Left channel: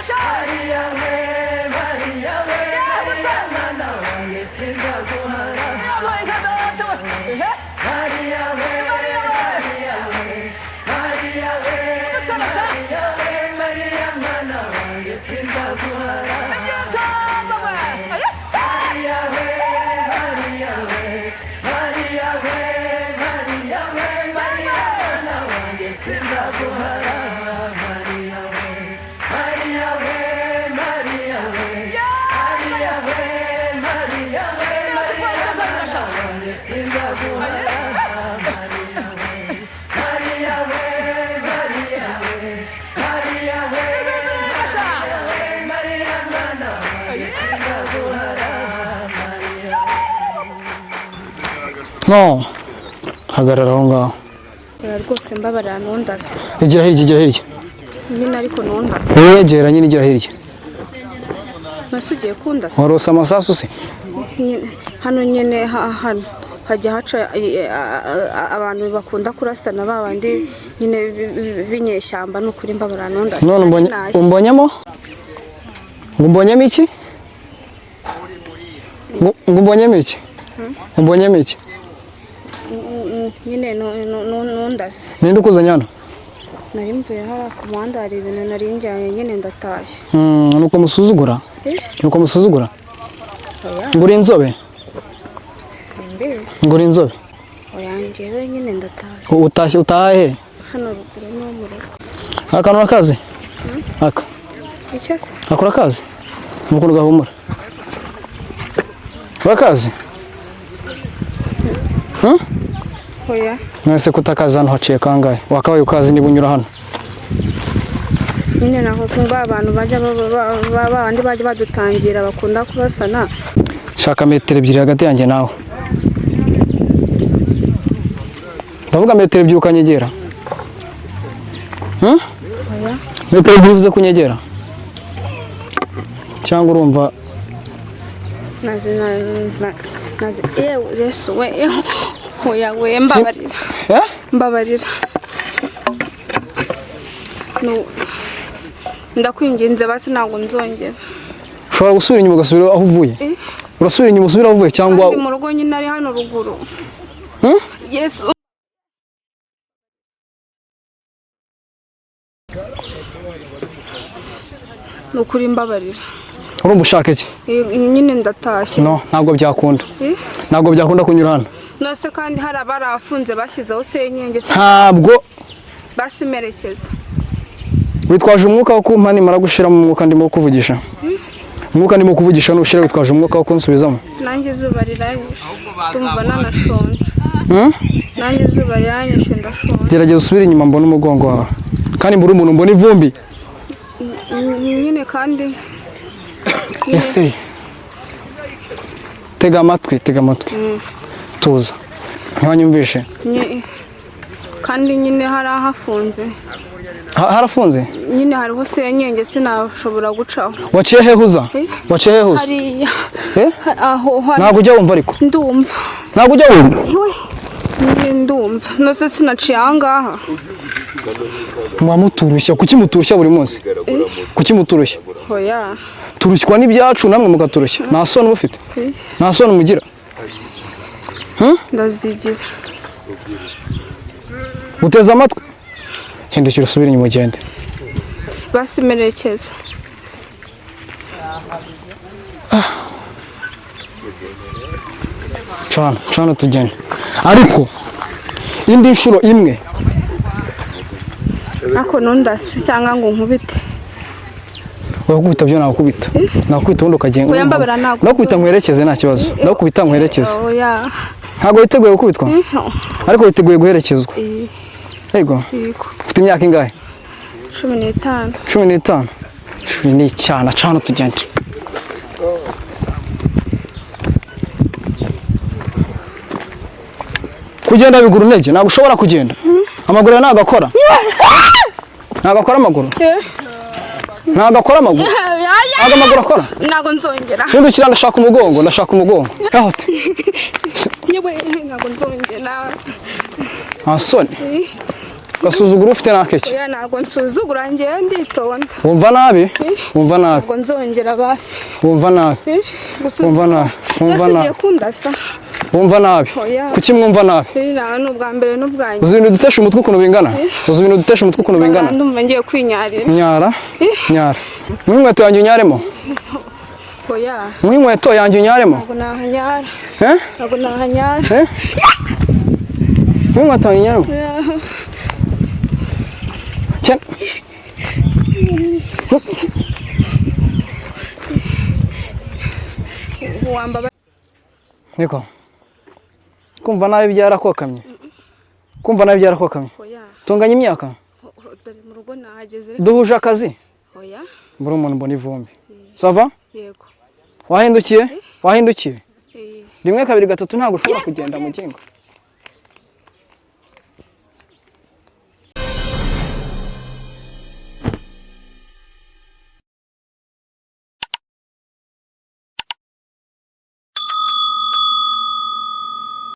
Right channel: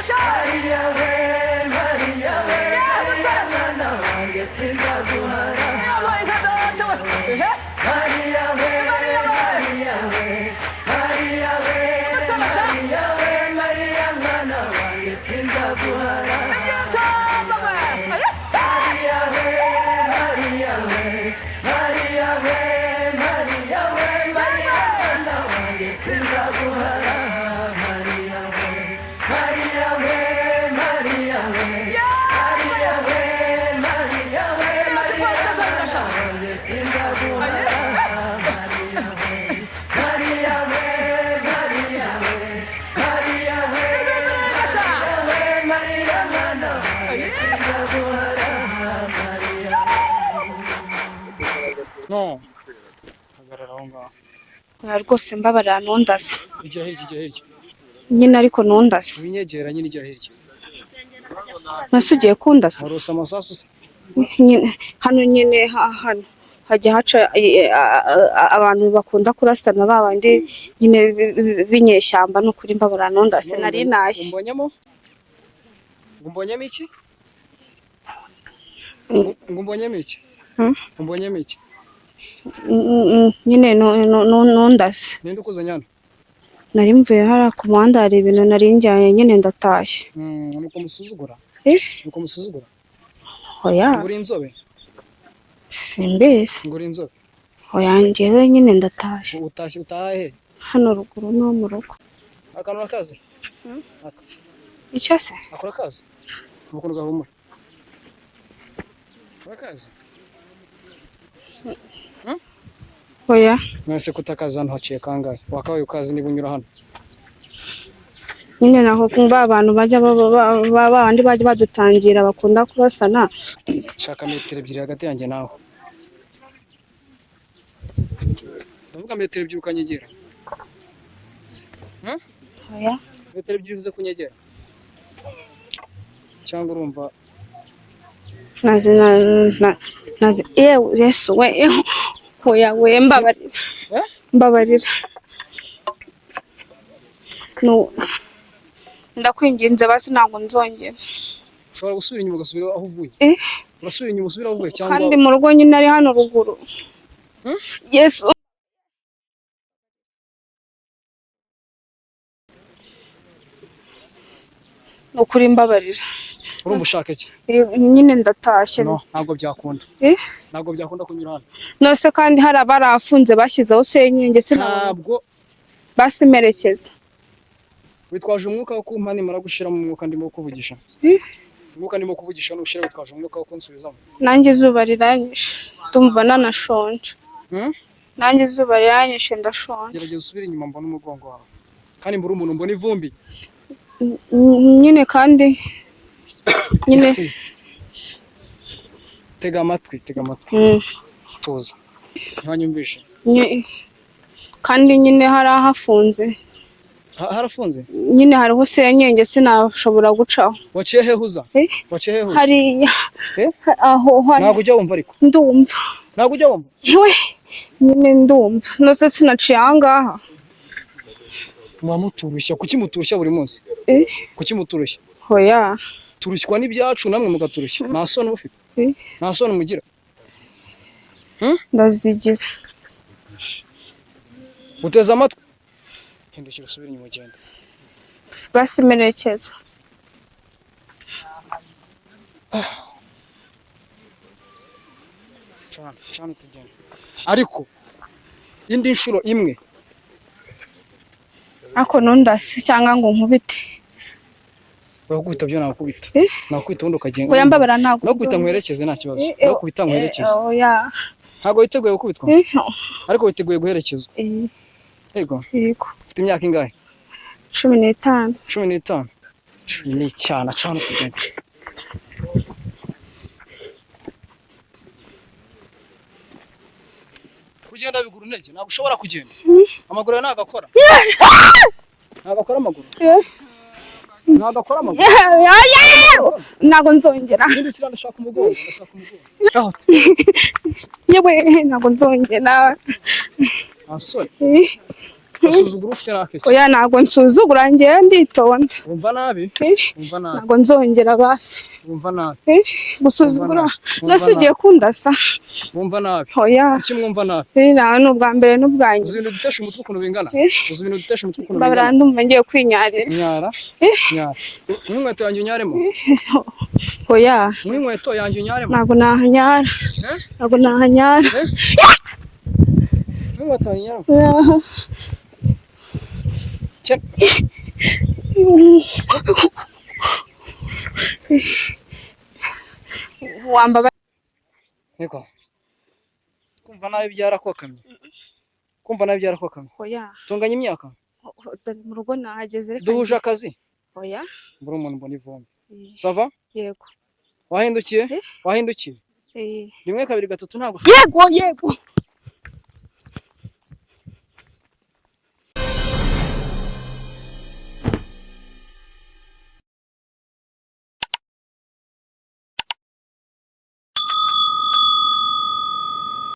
Maria we Maria mwana wanjye sinzaguhara Maria we Maria we Maria we Maria mwana wanjye sinzaguhara No, hagarara aho ngaho. Rwose mbabarira ntundase. Igira hirya. Nyine ariko ntundase. Gera nyine igira hirya. Nasugiye kundase. Warose amasasu se? Nyine hano nyine hano hajya haca abantu bakunda kurasana babandi nyine binyeshyamba n'ukuri mbabarira ntundase. None umbonyemo? Ngumbonyemo iki? Ngumbonyemo iki? Umbonyemo iki? Nyine ntundase. Ninde ukuzanye hano? Nari mvuye hara ku muhanda hari ibintu nari njyanye nyine ndatashye. Nuko musuzugura? Nuko musuzugura? Oya. Nguri inzobe? Simbizi. Nguri inzobe? Oya njyewe nyine ndatashye. Utashye utahe? Hano ruguru no mu rugo. Akantu akazi? Aka. Icyo se? Akora akazi? Mukuru gahumura. Urakazi? Oya. Nase kutakaza hano haciye kangahe? Wakabaye ukazi niba unyura hano. Nyine naho kumva abantu bajya babandi bajya badutangira bakunda kurasana. Shaka metero ebyiri hagati yanjye nawe. Ndavuga metero ebyiri ukanyegera. Oya. Metero ebyiri uvuze kunyegera. Cyangwa urumva nazi Yesu we. Oya we mbabarira. Mbabarira. No. Ndakwinginze basi ntabwo nzongera. Ushobora gusubira inyuma ugasubira aho uvuye? Urasubira inyuma usubira aho uvuye cyangwa ndi mu rugo nyine ari hano ruguru. Yesu. Nukuri mbabarira. Urumva ushaka iki? Nyine ndatashye. No, ntabwo byakunda. Ntabwo byakunda kunyura hano. Nose kandi hari abarafunze bashyizeho senyenge se. Ntabwo basimerekeza. Witwaje umwuka wo kumpa nimara gushira mu mwuka ndimo kuvugisha. Umwuka ndimo kuvugisha nushira witwaje umwuka wo kunsubizamo. Nanjye izuba riranyishe. Ndumva nanashonje. Nanjye izuba riranyishe ndashonje. Gerageza usubire inyuma mbona umugongo wawe. Kandi mbura umuntu mbona ivumbi. Nyine kandi ese tega amatwi tuza ntibanyumvishe kandi nyine harahafunze harafunze nyine hariho senyenge sinashobora gucaho waciye hehuza hariya aho ntabwo ujya wumva ariko ndumva ntabwo ujya wumva nyine ndumva nose sinaciye ahangaha muturushya kuki muturushya buri munsi kuki muturushya oya turushywa n'ibyacu namwe mugaturushya nta soni mufite nta soni mugira ndazigira uteze amatwi hindukira usubire inyuma ugende basimerekeza cana tugende ariko indi nshuro imwe ako nundase cyangwa ngo nkubite wakubita byo nakubita nakubita ubundi ukagenda oya mbabara nakubita nkwerekeze nta kibazo nakubita nkwerekeze oya ntabwo witeguye gukubitwa ariko witeguye guherekezwa yego ufite imyaka ingahe 15 15 ni cyana cana tugende kugenda biguru ntege ntabwo ushobora kugenda amaguru nagakora nagakora amaguru nagakora amaguru akora ntabwo nzongera hindukira ndashaka umugongo ahote yewe ntabwo nzongera asone gasuzugura ufite nakeke oya ntabwo nsuzugura njyewe nditonda wumva nabi wumva nabi ntabwo nzongera basi wumva nabi gusuzugura Wumva nasi ugiye kundasa wumva nabi oya kuki mwumva nabi nawe ni ubwa mbere n'ubwa nyuma uzi ibintu dutesha umutwe ukuntu bingana uzi ibintu dutesha umutwe ukuntu bingana ndumva ngiye kwinyarira nyara nyara mu inkweto yanjye unyaremo oya mu inkweto yanjye unyaremo ntabwo nahanyara ntabwo nahanyara mu inkweto yanjye unyaremo wambaba niko kumva nabi byarakokamye kumva nabi byarakokamye oya tunganya imyaka mu rugo nahageze duhuje akazi oya mbura umuntu mbona ivumbi sava yego wahindukiye rimwe kabiri gatatu ntabwo ushobora kugenda